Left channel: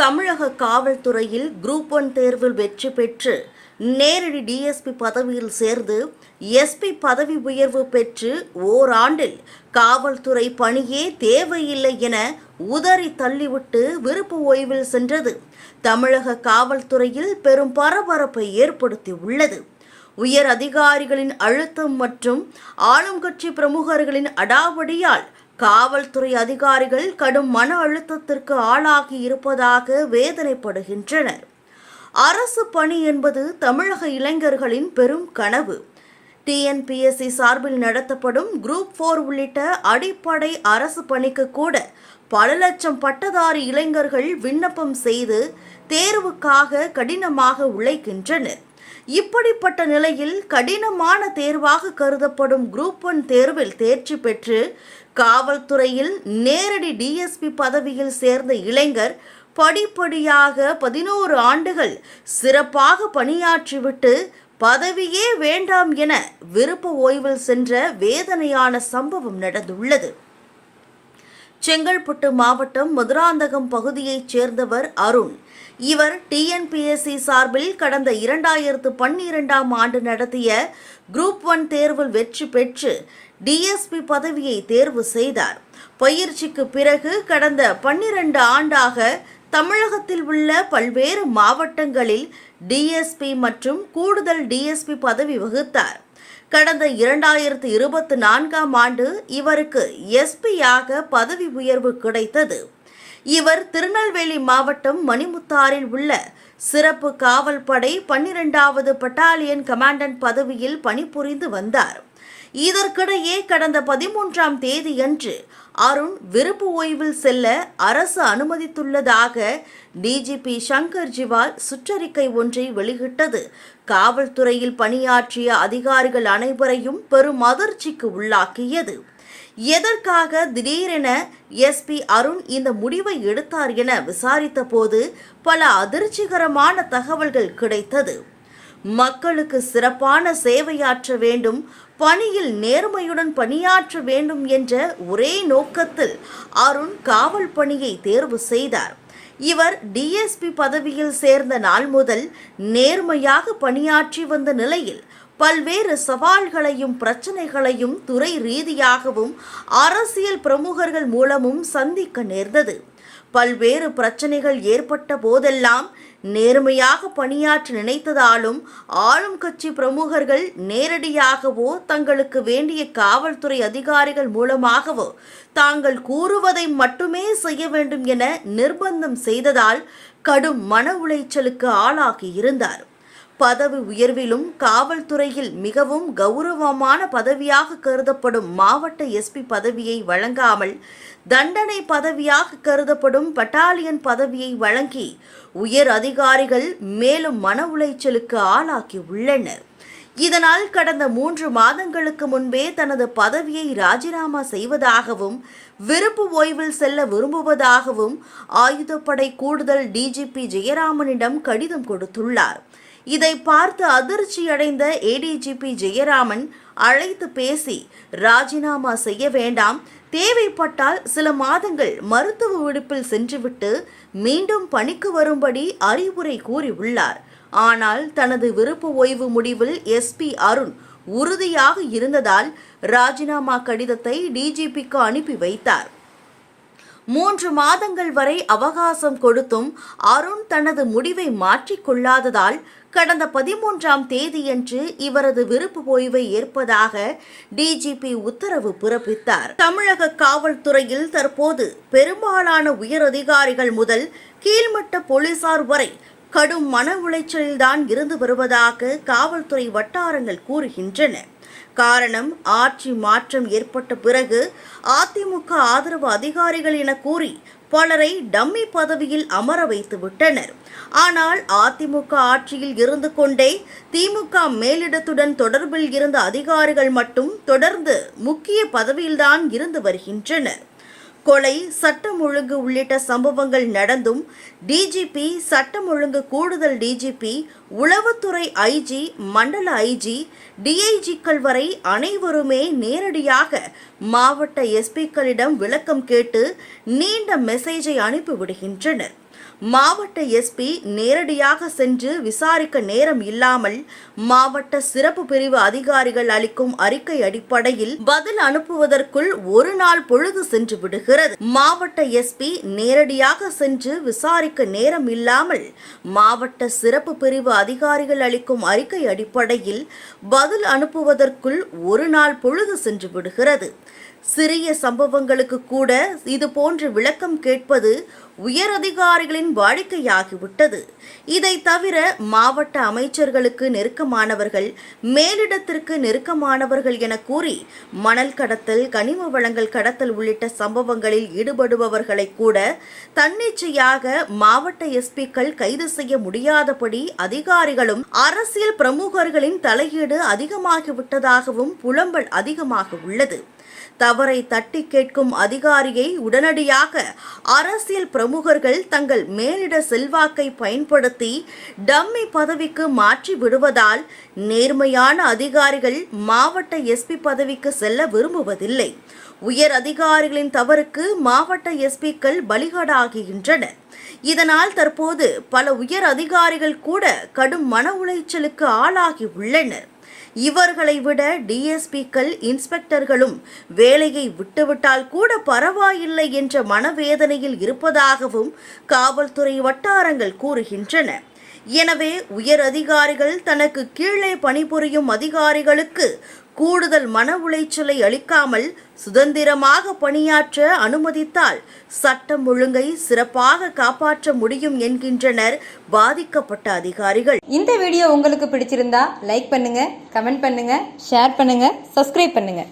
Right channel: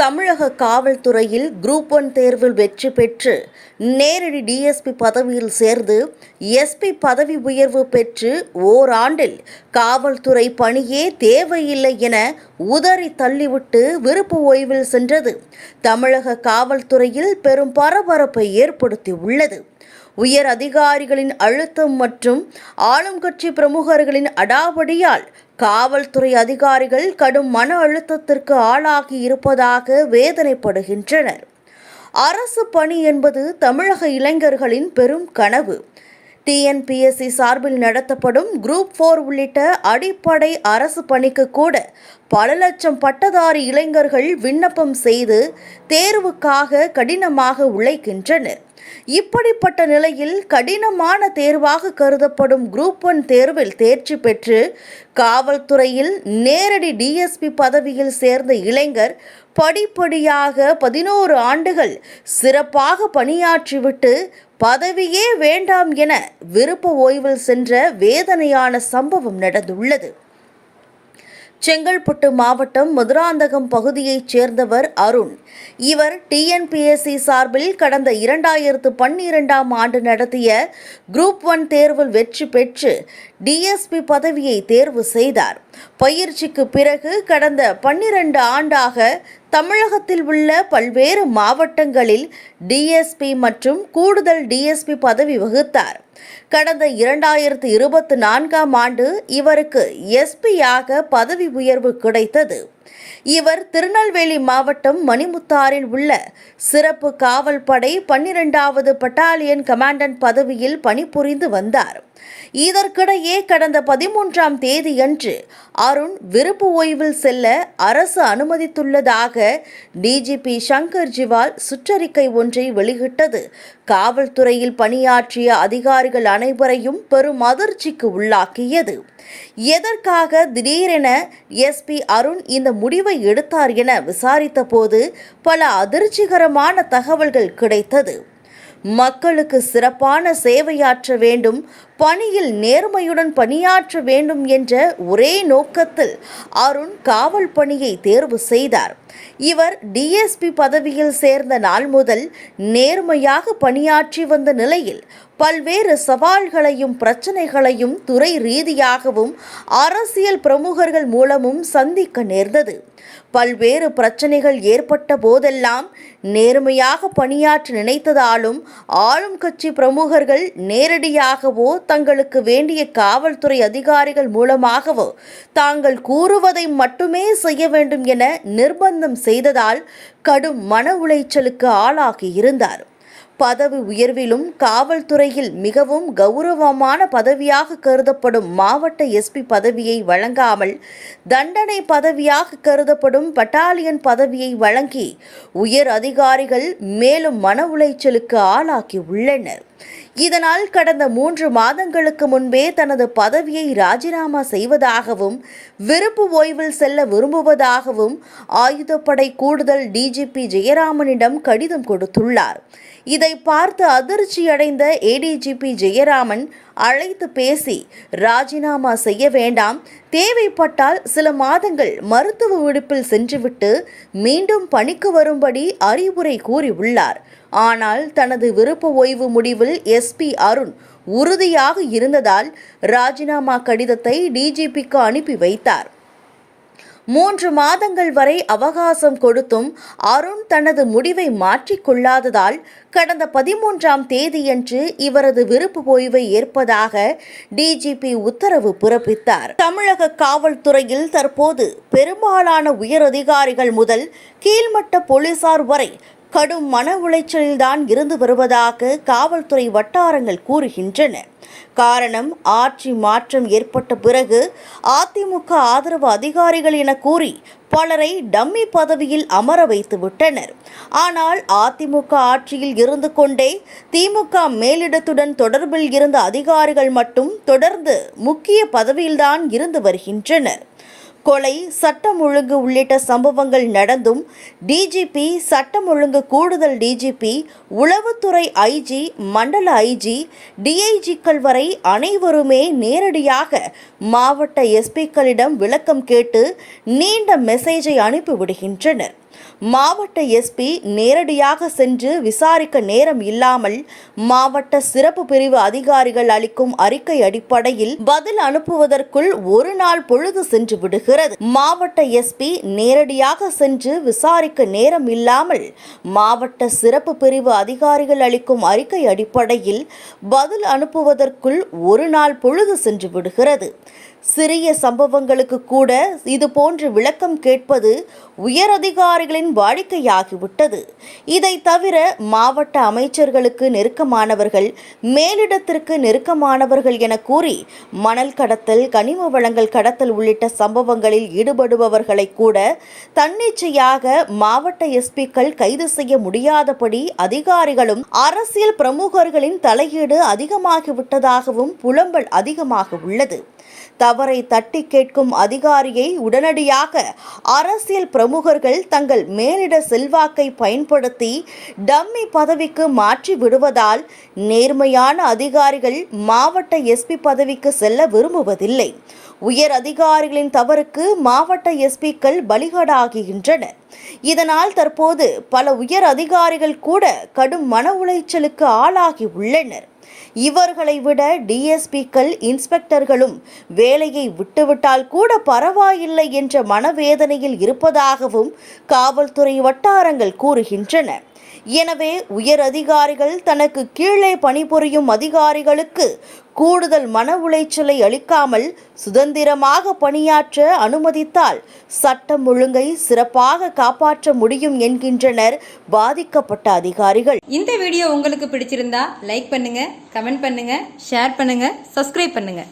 தமிழக காவல்துறையில் குரூப் 1 தேர்வில் வெற்றி பெற்று நேரடி டிஎஸ்பி பதவியில் சேர்ந்து எஸ்பி பதவி உயர்வு பெற்று ஓராண்டில் காவல்துறை பணியே தேவையில்லை என உதறி தள்ளிவிட்டு விருப்ப ஓய்வில் சென்றது தமிழக காவல்துறையில் பெரும் பரபரப்பை ஏற்படுத்தியுள்ளது. உயர் அதிகாரிகளின் அழுத்தம் மற்றும் ஆளும் கட்சி பிரமுகர்களின் அடாவடியால் காவல்துறை அதிகாரிகள் கடும் மன அழுத்தத்திற்கு ஆளாகி இருப்பதாக வேதனைப்படுகின்றனர். அரசு பணி என்பது தமிழக இளைஞர்களின் பெரும் கனவு. டிஎன்பிஎஸ்சி சார்பில் நடத்தப்படும் குரூப் 4 உள்ளிட்ட அடிப்படை அரசு பணிக்கு கூட பல லட்சம் பட்டதாரி இளைஞர்கள் விண்ணப்பம் செய்து தேர்வுக்காக கடினமாக உழைக்கின்றனர். இப்படிப்பட்ட நிலையில் கடினமான தேர்வாக கருதப்படும் குரூப் 1 தேர்வில் தேர்ச்சி பெற்று காவல்துறையில் நேரடி டிஎஸ்பி பதவியில் சேர்ந்த இளைஞர் படிப்படியாக 11 ஆண்டுகள் சிறப்பாக பணியாற்றிவிட்டு பதவியே வேண்டாம் என விருப்ப ஓய்வில் சென்ற வேதனையான சம்பவம் நடந்துள்ளது. செங்கல்பட்டு மாவட்டம் மதுராந்தகம் பகுதியைச் சேர்ந்தவர் அருண். இவர் டிஎன்பிஎஸ்சி சார்பில் கடந்த 2012ஆம் ஆண்டு நடத்திய குரூப் 1 தேர்வில் வெற்றி பெற்று டிஎஸ்பி பதவியை தேர்வு செய்தார். பயிற்சிக்கு பிறகு கடந்த 12 ஆண்டாக தமிழகத்தில் உள்ள பல்வேறு மாவட்டங்களில் டிஎஸ்பி மற்றும் கூடுதல் டிஎஸ்பி பதவி வகித்தார். கடந்த 2024ஆம் ஆண்டு இவருக்கு எஸ்பியாக பதவி உயர்வு கிடைத்தது. இவர் திருநெல்வேலி மாவட்டம் மணிமுத்தாறில் உள்ள சிறப்பு காவல் படை 12வது பட்டாலியன் கமாண்டன்ட் பதவியில் பணிபுரிந்து வந்தார். இதற்கிடையே கடந்த 13ஆம் தேதியன்று அருண் விருப்ப ஓய்வில் செல்ல அரசு அனுமதித்துள்ளதாக டிஜிபி சங்கர் ஜிவால் சுற்றறிக்கை ஒன்றை வெளியிட்டது காவல்துறையில் பணியாற்றிய அதிகாரிகள் அனைவரையும் பெரும் அதிர்ச்சிக்கு உள்ளாக்கியது. எதற்காக திடீரென எஸ்பி அருண் இந்த முடிவை எடுத்தார் என விசாரித்த போது பல அதிர்ச்சிகரமான தகவல்கள் கிடைத்தது. மக்களுக்கு சிறப்பான சேவையாற்ற வேண்டும், பணியில் நேர்மையுடன் பணியாற்ற வேண்டும் என்ற ஒரே நோக்கத்தில் அருண் காவல் பணியை தேர்வு செய்தார். இவர் டிஎஸ்பி பதவியில் சேர்ந்த நாள் முதல் நேர்மையாக பணியாற்றி வந்த நிலையில் பல்வேறு சவால்களையும் பிரச்சனைகளையும் துறை ரீதியாகவும் அரசியல் பிரமுகர்கள் மூலமும் சந்திக்க நேர்ந்தது. பல்வேறு பிரச்சனைகள் ஏற்பட்ட போதெல்லாம் நேர்மையாக பணியாற்ற நினைத்ததாலும் ஆளும் கட்சி பிரமுகர்கள் நேரடியாகவோ தங்களுக்கு வேண்டிய காவல்துறை அதிகாரிகள் மூலமாகவோ தாங்கள் கூறுவதை மட்டுமே செய்ய வேண்டும் என நிர்பந்தம் செய்ததால் கடும் மன உளைச்சலுக்கு ஆளாகி இருந்தார். பதவி உயர்விலும் காவல்துறையில் மிகவும் கௌரவமான பதவியாக கருதப்படும் மாவட்ட எஸ்பி பதவியை வழங்காமல் தண்டனை பதவியாக கருதப்படும் பட்டாலியன் பதவியை வழங்கி உயர் அதிகாரிகள் மேலும் மன உளைச்சலுக்கு ஆளாக்கி உள்ளனர். இதனால் கடந்த 3 மாதங்களுக்கு முன்பே தனது பதவியை ராஜினாமா செய்வதாகவும் விருப்ப ஓய்வில் செல்ல விரும்புவதாகவும் ஆயுதப்படை கூடுதல் டிஜிபி ஜெயராமனிடம் கடிதம் கொடுத்துள்ளார். இதை பார்த்து அதிர்ச்சியடைந்த ஏடிஜிபி ஜெயராமன் அழைத்து பேசி ராஜினாமா செய்ய வேண்டாம், தேவைப்பட்டால் சில மாதங்கள் மருத்துவ விடுப்பில் சென்றுவிட்டு மீண்டும் பணிக்கு வரும்படி அறிவுரை கூறியுள்ளார். ஆனால் தனது விருப்ப ஓய்வு முடிவில் எஸ்பி அருண் உறுதியாக இருந்ததால் ராஜினாமா கடிதத்தை டிஜிபிக்கு அனுப்பி வைத்தார். 3 மாதங்கள் வரை அவகாசம் கொடுத்தும் அருண் தனது முடிவை மாற்றிக்கொள்ளாததால் கடந்த 13ஆம் தேதியன்று இவரது விருப்ப ஓய்வை ஏற்பதாக டிஜிபி உத்தரவு பிறப்பித்தார். தமிழக காவல்துறையில் தற்போது பெரும்பாலான உயர் அதிகாரிகள் முதல் கீழ்மட்ட போலீசார் வரை கடும் மன உளைச்சலில்தான் இருந்து வருவதாக காவல்துறை வட்டாரங்கள் கூறுகின்றன. காரணம், ஆட்சி மாற்றம் ஏற்பட்ட பிறகு அதிமுக ஆதரவு அதிகாரிகள் என கூறி பலரை டம்மி பதவியில் அமர வைத்து விட்டனர். ஆனால் அதிமுக ஆட்சியில் இருந்து கொண்டே திமுக மேலிடத்துடன் தொடர்பில் இருந்த அதிகாரிகள் மட்டும் தொடர்ந்து முக்கிய பதவியில்தான் இருந்து வருகின்றனர். கொலை, சட்டம் ஒழுங்கு உள்ளிட்ட சம்பவங்கள் நடந்தும் டிஜிபி, சட்டம் ஒழுங்கு கூடுதல் டிஜிபி, உளவுத்துறை ஐஜி, மண்டல ஐஜி, டிஐஜிக்கள் வரை அனைவருமே நேரடியாக மாவட்ட எஸ்பிக்களிடம் விளக்கம் கேட்டு நீண்ட மெசேஜை அனுப்பிவிடுகின்றனர். மாவட்ட எஸ்பி நேரடியாக சென்று விசாரிக்க நேரம் இல்லாமல் மாவட்ட சிறப்பு பிரிவு அதிகாரிகள் அளிக்கும் அறிக்கை அடிப்படையில் பதில் அனுப்புவதற்குள் ஒரு நாள் பொழுது சென்று விடுகிறது. மாவட்ட எஸ்பி நேரடியாக சென்று விசாரிக்க நேரம் இல்லாமல் மாவட்ட சிறப்பு பிரிவு அதிகாரிகள் அளிக்கும் அறிக்கை அடிப்படையில் பதில் அனுப்புவதற்குள் ஒரு நாள் பொழுது சென்று விடுகிறது. சிறிய சம்பவங்களுக்கு கூட இதுபோன்று விளக்கம் கேட்பது உயர் அதிகாரிகளின் வாடிக்கையாகிவிட்டது. இதை தவிர மாவட்ட அமைச்சர்களுக்கு நெருக்கமானவர்கள், மேலிடத்திற்கு நெருக்கமானவர்கள் என கூறி மணல் கடத்தல், கனிம வளங்கள் கடத்தல் உள்ளிட்ட சம்பவங்களில் ஈடுபடுபவர்களை கூட தன்னிச்சையாக மாவட்ட எஸ்பிக்கள் கைது செய்ய முடியாதபடி அதிகாரிகளும் அரசியல் பிரமுகர்களின் தலையீடு அதிகமாகிவிட்டதாகவும் புலம்பல் அதிகமாக உள்ளது. தவறை தட்டி கேட்கும் அதிகாரியை உடனடியாக அரசியல் பிரமுகர்கள் தங்கள் மேலிட செல்வாக்கை பயன்படுத்தி டம்மி பதவிக்கு மாற்றி விடுவதால் நேர்மையான அதிகாரிகள் மாவட்ட எஸ்பி பதவிக்கு செல்ல விரும்புவதில்லை. உயர் அதிகாரிகளின் தவறுக்கு மாவட்ட எஸ்பிக்கள் பலிகடாகின்றனர். இதனால் தற்போது பல உயர் அதிகாரிகள் கூட கடும் மன உளைச்சலுக்கு ஆளாகி உள்ளனர். இவர்களை விட டிஎஸ்பிக்கள், இன்ஸ்பெக்டர்களும் வேலையை விட்டுவிட்டால் கூட பரவாயில்லை என்ற மனவேதனையில் இருப்பதாகவும் காவல்துறை வட்டாரங்கள் கூறுகின்றன. எனவே உயர் அதிகாரிகள் தனக்கு கீழே பணிபுரியும் அதிகாரிகளுக்கு கூடுதல் மன உளைச்சலை அளிக்காமல் சுதந்திரமாக பணியாற்ற அனுமதித்தால் சட்டம் ஒழுங்கை சிறப்பாக காப்பாற்ற முடியும் என்கின்றனர் பாதிக்கப்பட்ட அதிகாரிகள். இந்த வீடியோ உங்களுக்கு பிடிச்சிருந்தா லைக் பண்ணுங்க, கமெண்ட் பண்ணுங்க, ஷேர் பண்ணுங்க, சப்ஸ்கிரைப் பண்ணுங்க.